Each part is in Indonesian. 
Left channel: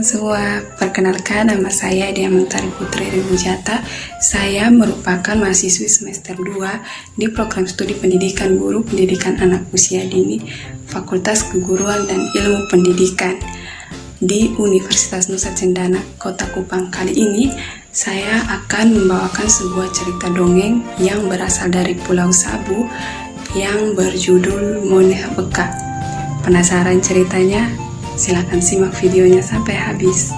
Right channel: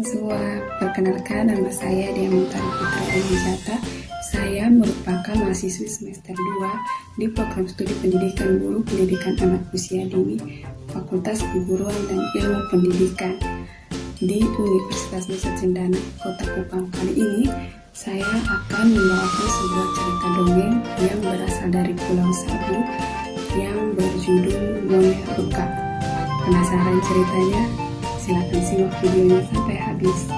teman-teman semua, perkenalkan nama saya Dia Mentari Putri Remujata. Saya merupakan mahasiswi semester 2 di program studi pendidikan guru pendidikan anak usia dini Fakultas Keguruan dan Ilmu Pendidikan di Universitas Nusa Cendana, Kota Kupang. Kali ini saya akan membawakan sebuah cerita dongeng yang berasal dari Pulau Sabu yang berjudul Moneh Beka. Penasaran ceritanya? Silakan simak videonya sampai habis.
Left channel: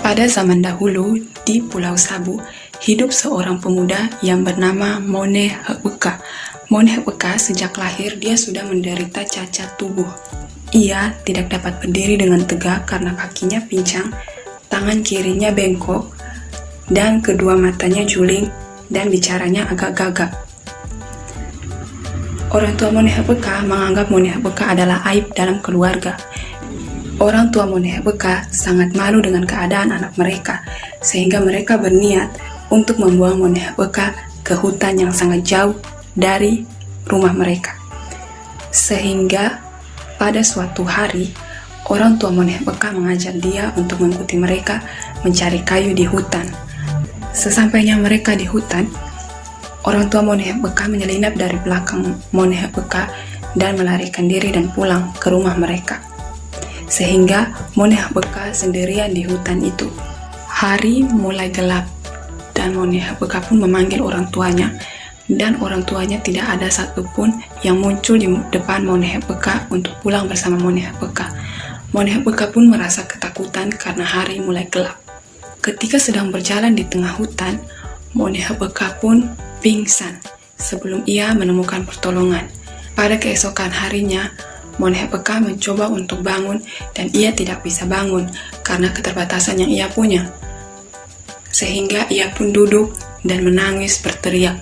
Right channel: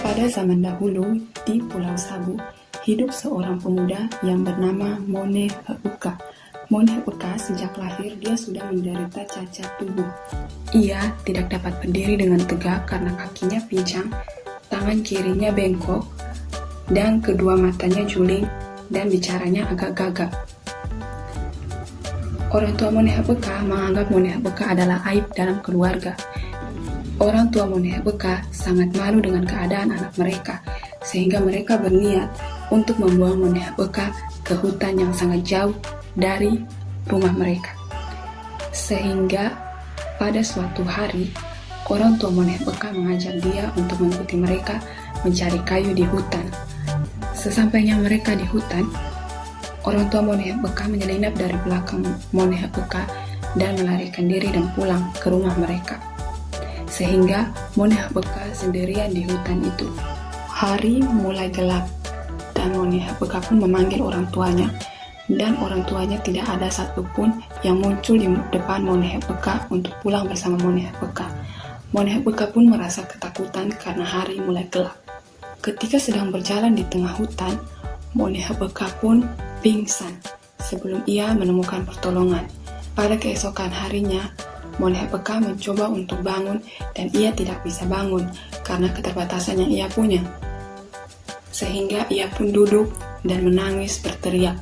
Pada zaman dahulu, di Pulau Sabu, hidup seorang pemuda yang bernama Moneh Beka. Moneh Beka sejak lahir dia sudah menderita cacat tubuh. Ia tidak dapat berdiri dengan tegak karena kakinya pincang, tangan kirinya bengkok, dan kedua matanya juling dan bicaranya agak gagap. Orang tua Moneh Beka menganggap Moneh Beka adalah aib dalam keluarga. Orang tua Moneh Beka sangat malu dengan keadaan anak mereka, sehingga mereka berniat untuk membuang Moneh Beka ke hutan yang sangat jauh dari rumah mereka. Sehingga pada suatu hari, orang tua Moneh Beka mengajak dia untuk mengikuti mereka mencari kayu di hutan. Sesampainya mereka di hutan, orang tua Moneh Beka menyelinap dari belakang Moneh Beka dan melarikan diri dan pulang ke rumah mereka. Sehingga Moneh Beka sendirian di hutan itu. Hari mulai gelap dan Moneh Beka pun memanggil orang tuanya, dan orang tuanya tidak ada satupun yang muncul di depan Moneh Beka untuk pulang bersama Moneh Beka. Moneh Beka pun merasa ketakutan karena hari mulai gelap. Ketika sedang berjalan di tengah hutan, Moneh Beka pun pingsan sebelum ia menemukan pertolongan. Pada keesokan harinya, Moneh Beka mencoba untuk bangun dan ia tidak bisa bangun karena keterbatasan yang ia punya. Sehingga ia pun duduk dan menangis berteriak.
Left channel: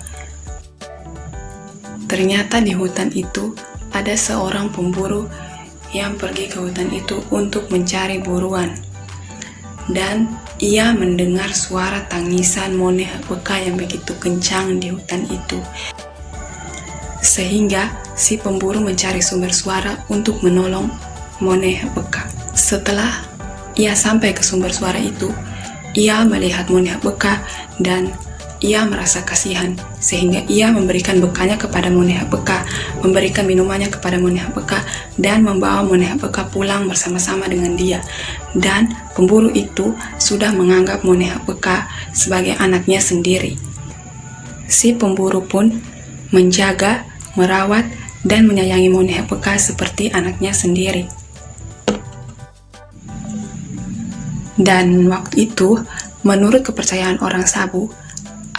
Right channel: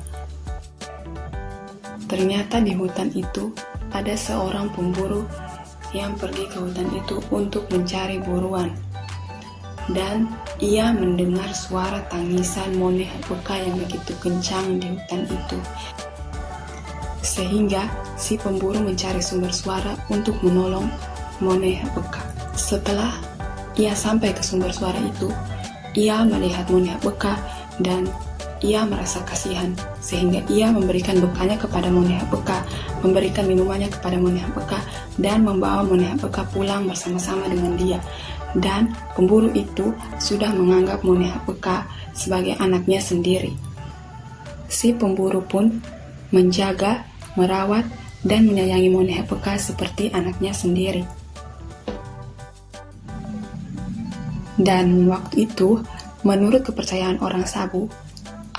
Ternyata di hutan itu ada seorang pemburu yang pergi ke hutan itu untuk mencari buruan. Dan ia mendengar suara tangisan Moneh Beka yang begitu kencang di hutan itu. Sehingga si pemburu mencari sumber suara untuk menolong Moneh Beka. Setelah ia sampai ke sumber suara itu, ia melihat Moneh Beka dan ia merasa kasihan, sehingga ia memberikan bekalnya kepada Moneh Beka, memberikan minumannya kepada Moneh Beka, dan membawa Moneh Beka pulang bersama-sama dengan dia. Dan pemburu itu sudah menganggap Moneh Beka sebagai anaknya sendiri. Si pemburu pun menjaga, merawat, dan menyayangi Moneh Beka seperti anaknya sendiri. Dan waktu itu, menurut kepercayaan orang Sabu,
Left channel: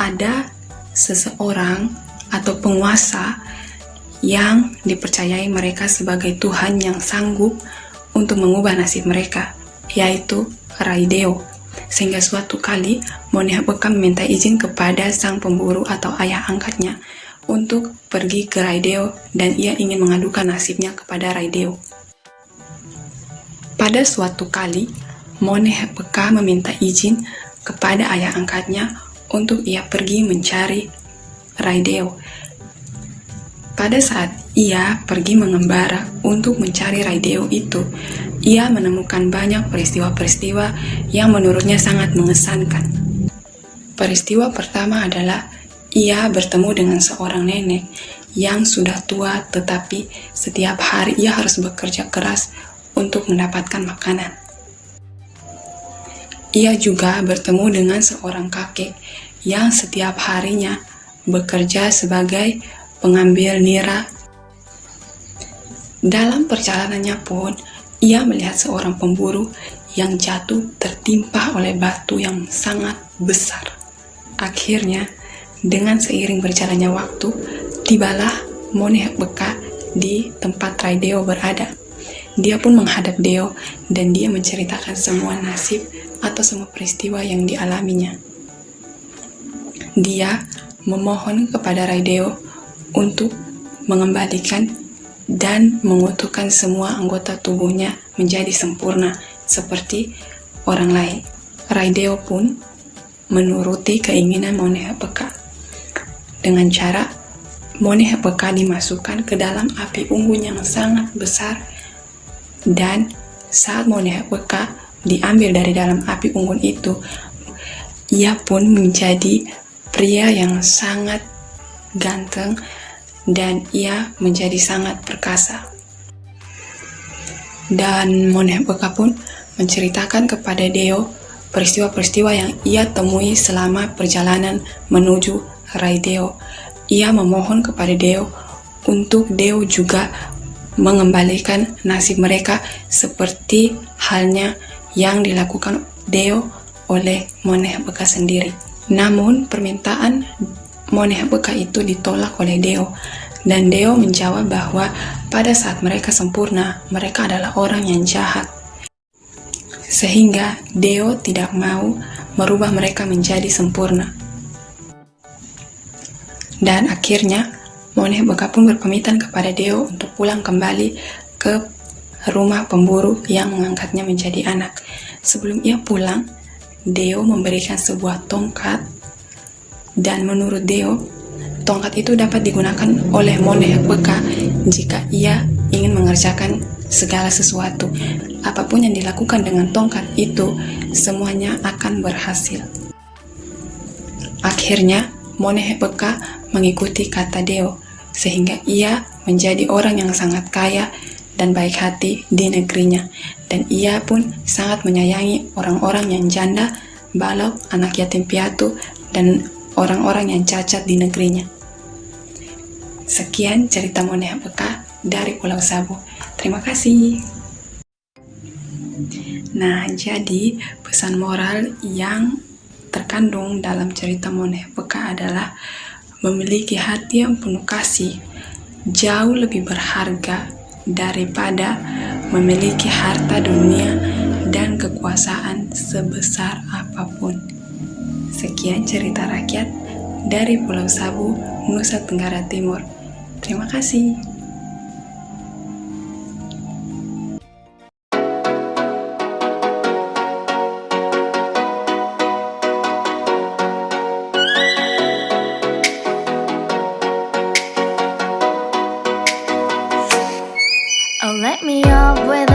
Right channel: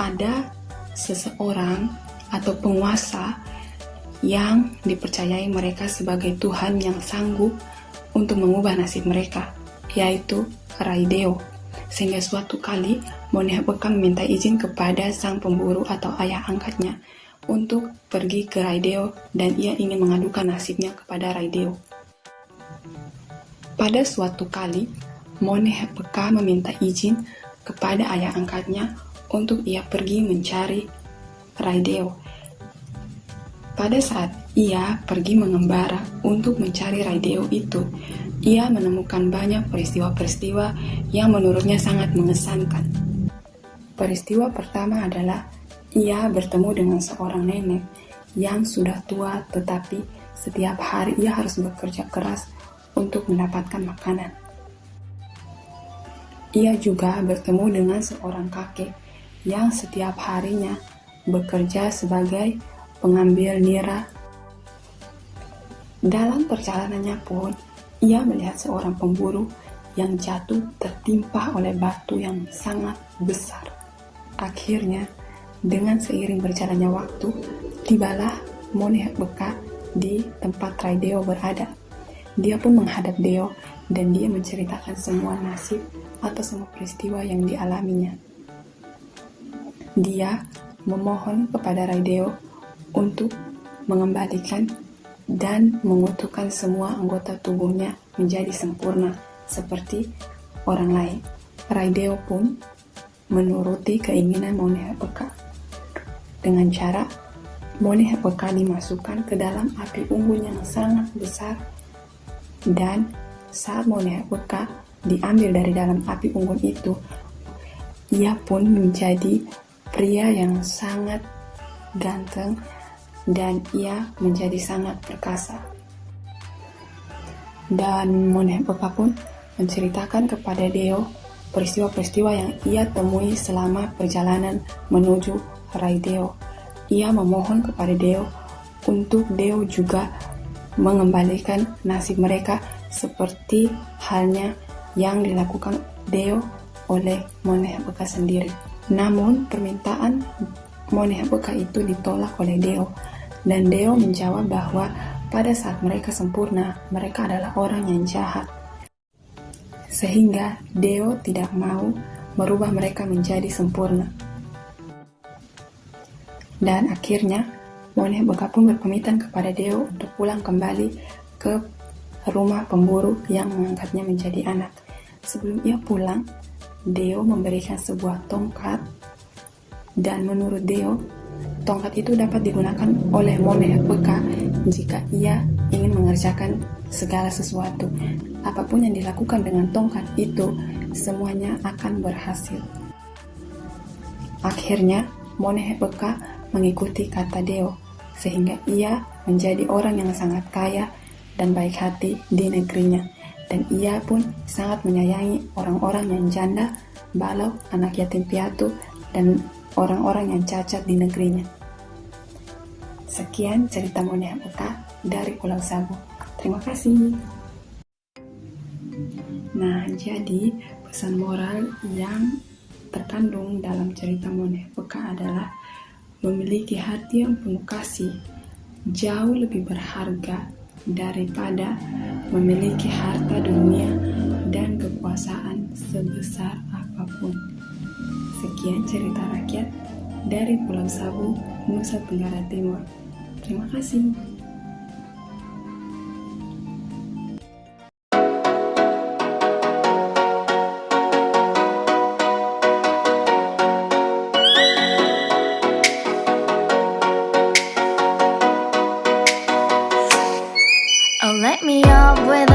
ada seseorang atau penguasa yang dipercayai mereka sebagai Tuhan yang sanggup untuk mengubah nasib mereka, yaitu Raideo. Sehingga suatu kali Moneh Beka meminta izin kepada sang pemburu atau ayah angkatnya untuk pergi ke Raideo, dan ia ingin mengadukan nasibnya kepada Raideo. Pada suatu kali, Moneh Beka meminta izin kepada ayah angkatnya untuk ia pergi mencari Raideo. Pada saat ia pergi mengembara untuk mencari Raideo itu, ia menemukan banyak peristiwa-peristiwa yang menurutnya sangat mengesankan. Peristiwa pertama adalah ia bertemu dengan seorang nenek yang sudah tua, tetapi setiap hari ia harus bekerja keras untuk mendapatkan makanan. Ia juga bertemu dengan seorang kakek yang setiap harinya bekerja sebagai pengambil nira. Dalam perjalanannya pun, ia melihat seorang pemburu yang jatuh tertimpa oleh batu yang sangat besar. Akhirnya, dengan seiring berjalannya waktu, tibalah Moneh Beka di tempat Raideo berada. Dia pun menghadap Deo dan dia menceritakan semua nasib atau semua peristiwa yang dialaminya. Dia memohon kepada Raideo untuk mengembalikan dan mengutuhkan semua anggota tubuhnya menjadi sempurna seperti orang lain. Raideo pun menuruti keinginan Moneh Beka dengan cara Moneh Beka dimasukkan ke dalam api unggun yang sangat besar, dan saat Moneh Beka diambil dari dalam api unggun itu, ia pun menjadi pria yang sangat ganteng dan ia menjadi sangat perkasa. Dan Moneh Beka pun menceritakan kepada Deo peristiwa-peristiwa yang ia temui selama perjalanan menuju Rai Deo. Ia memohon kepada Deo untuk Deo juga mengembalikan nasib mereka seperti halnya yang dilakukan Deo oleh Moneh Beka sendiri. Namun permintaan Moneh Beka itu ditolak oleh Deo, dan Deo menjawab bahwa pada saat mereka sempurna, mereka adalah orang yang jahat. Sehingga Deo tidak mau merubah mereka menjadi sempurna. Dan akhirnya Moneh Beka pun berpamitan kepada Deo untuk pulang kembali ke rumah pemburu yang mengangkatnya menjadi anak. Sebelum ia pulang, Deo memberikan sebuah tongkat, dan menurut Deo, tongkat itu dapat digunakan oleh Moneh Beka jika ia ingin mengerjakan segala sesuatu. Apapun yang dilakukan dengan tongkat itu, semuanya akan berhasil. Akhirnya, Moneh Beka mengikuti kata Deo, sehingga ia menjadi orang yang sangat kaya dan baik hati di negerinya. Dan ia pun sangat menyayangi orang-orang yang janda, balau, anak yatim piatu, dan orang-orang yang cacat di negerinya. Sekian cerita Moneh Beka dari Pulau Sabu. Terima kasih. Nah, jadi pesan moral yang terkandung dalam cerita Moneh Beka adalah memiliki hati yang penuh kasih jauh lebih berharga daripada memiliki harta dunia dan kekuasaan sebesar apapun. Sekian cerita rakyat dari Pulau Sabu, Nusa Tenggara Timur. Terima kasih. Oh, let me up with